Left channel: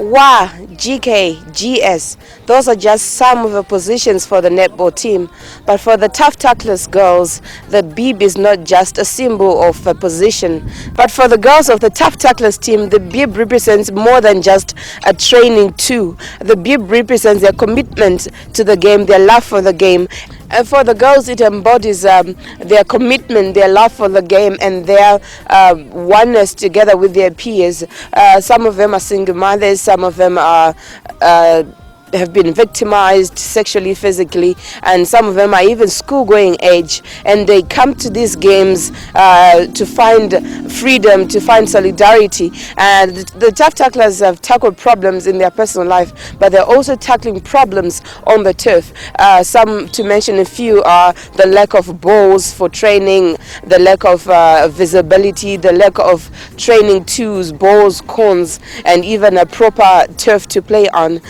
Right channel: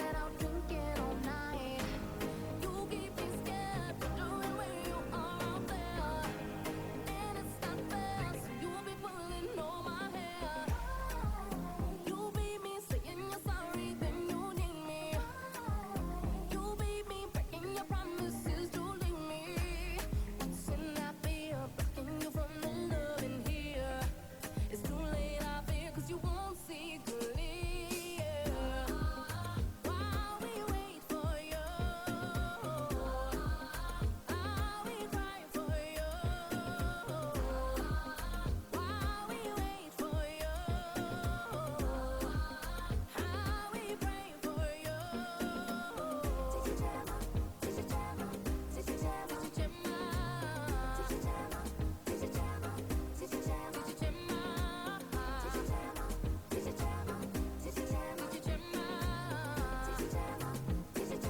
WA, GK, GS, those are just some of the positions for the netball team. But for the Tough Tucklers girls, the bib is not just a symbol of a position. But for the girls of the Tough Tucklers team, the bib represents more than just a training tool. The bib represents their commitment to the game, their love for the game. And for the girls, it embodies their commitment, their love for the game, and their oneness together with their peers. Some of them are single mothers, some of them are have been victimized sexually, physically, and some of them are even school-going age, and they come to these games to find freedom, to find solidarity. And the Tough Tacklers have tackled problems in their personal life, but they're also tackling problems on the turf. Some, to mention a few, are the lack of balls for training, the lack of visibility, the lack of training tools, balls, cones, and even a proper turf to play on.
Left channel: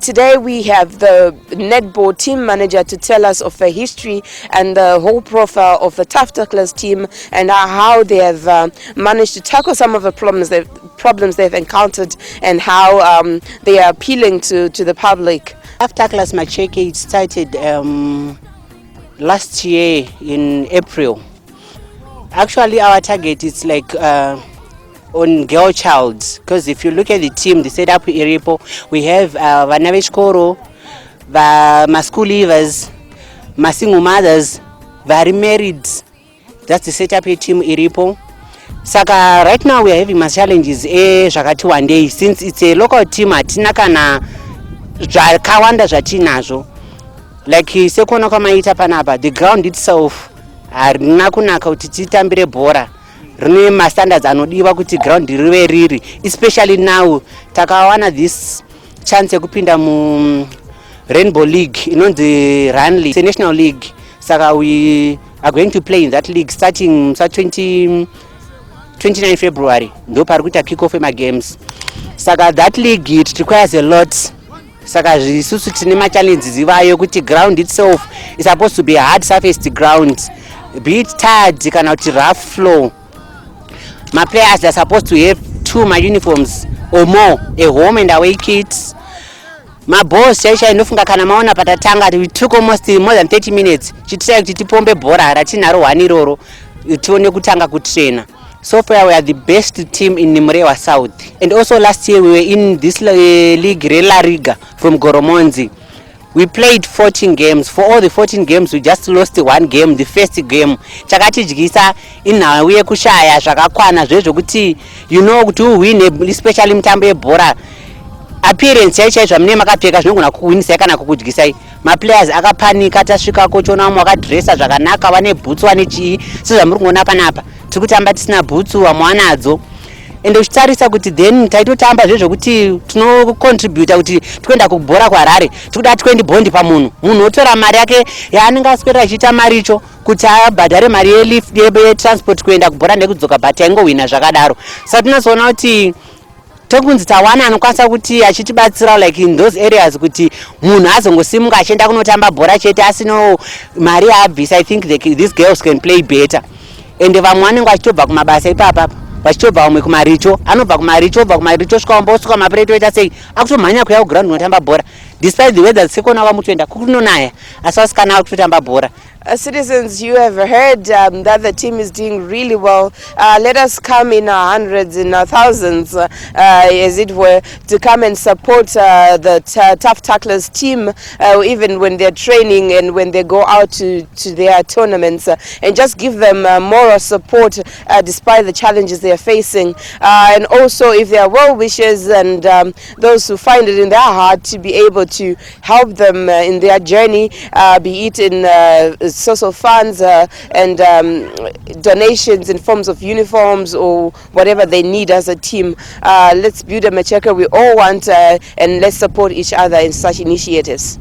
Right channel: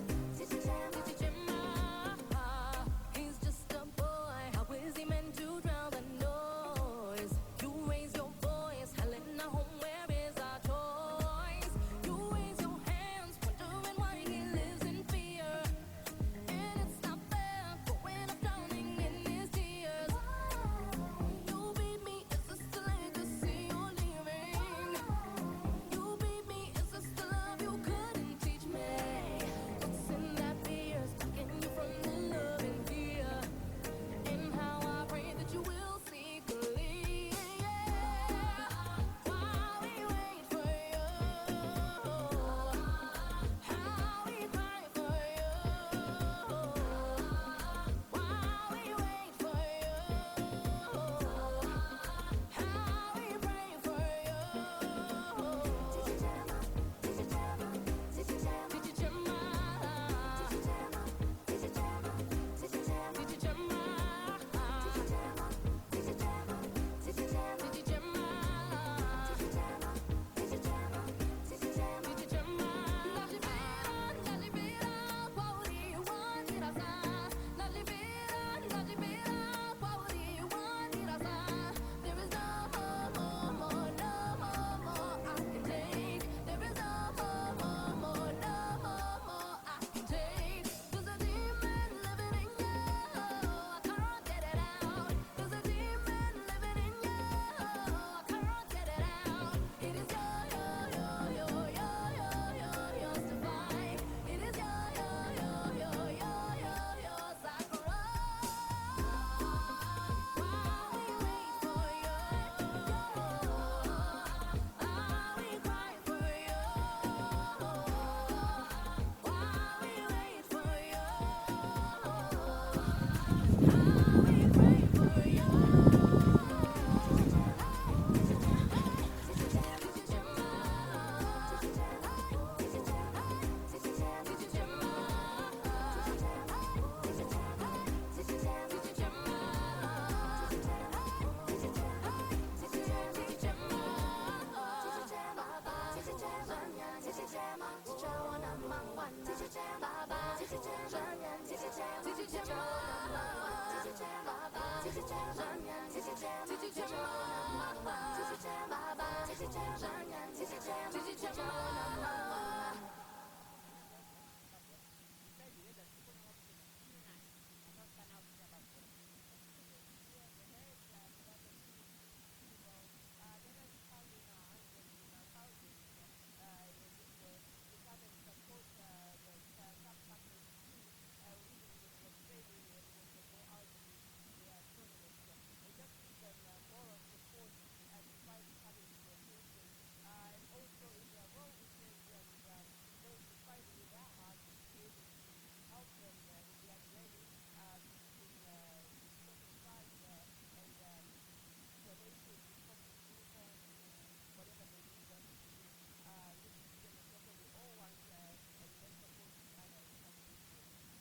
Today we have the netball team manager to tell us of the history and the whole profile of the Tough Tucklers team and how they have managed to tackle some of the problems they've encountered and how they are appealing to the public. Tough Tucklers Macheke started last year in April. Actually, our target is like on girl child, because if you look at the team, the setup iripo, we have vana vechikoro, ma-school leavers, ma-single mothers, vari married. That's the setup team iripo. Saka right now we are having mass challenges zvakati one day, since it's a local team hatina kana zvakawanda zvatinazvo. Like sekuona kwamaita panapa, the ground itself harina kunaka kuti titambire bhora. Rine mastandards anodiwa kuti ground rive riri, especially now takawana this chance yekupinda mu Rainbow League, inonzi Run League, it's a national league. Saka we are going to play in that league starting 29 February. Ndo pari kuita kick off ema games. Saka that league, it requires a lot. Saka zvisusu tine ma challenges ivayo kuti ground itself is supposed to be a hard surfaced ground, be it tarred kana kuti rough floor. My players are supposed to have 2 uniforms or more, a home and away kits. My boss inofunga kana maona patatanga, we took almost more than 30 minutes. Chitira kuti tipombe bhora ratinaro 1 iroro tione kutanga kutraina. So far we are the best team in Murewa South. And also last year we were in this league, La Riga, from Goromonzi. We played 14 games. For all the 14 games, we just lost 1 game, the first game. Chakatidyisa inhawi yekushaya zvakakwana zvezvokuti you know to win, especially mutambo yebhora. Appearance yacho mune makapfeka zvinogona kuwinisa kana kukudyisai. Ma players akapanika, tasvika kochona mwakadressa zvakanaka, vane boots vane chii, sezvamuri kuona panapa. Tiri kutamba tisina boots, vamwe vanadzo. And uchitarisa kuti then taitotamba zvezvokuti tinocontributa kuti tikuenda kubhora kwaRare, tikuda 20 bondi pamunhu. Munhu otora mari yake yaanenge aswera achiita maricho kuti abhadhare mari yelift yetransport kuenda kubhora nekudzoka, but taingowina zvakadaro. Saka tinozoona kuti tokunzi tawana anokwanisa kuti achitibatsira like in those areas kuti munhu azongosimuka achienda kunotamba bhora chete asino mari yaabvisa. I think these girls can play better. And vamwe vanenge vachitobva kumabasa ipapa, vachitobva umwe kumaricho, anobva kumaricho svika wambosvika mapureto oita sei akutomhanya kuya kuground unotamba bhora, despite the weather sekona vamutoenda kukunonaya asi vasikana kutotamba bhora. Citizens, you have heard that the team is doing really well. Let us come in our hundreds, in our thousands, as it were, to come and support the Tough Tacklers team, even when they're training and when they go out to their tournaments, and just give them moral support despite the challenges they are facing. And also, if there are well-wishers and those who find it in their heart to be able to help them in their journey, be it in source of funds and donations in forms of uniforms or whatever they need as a team. Let's build a Macheke we all want, and let's support each other in such initiatives.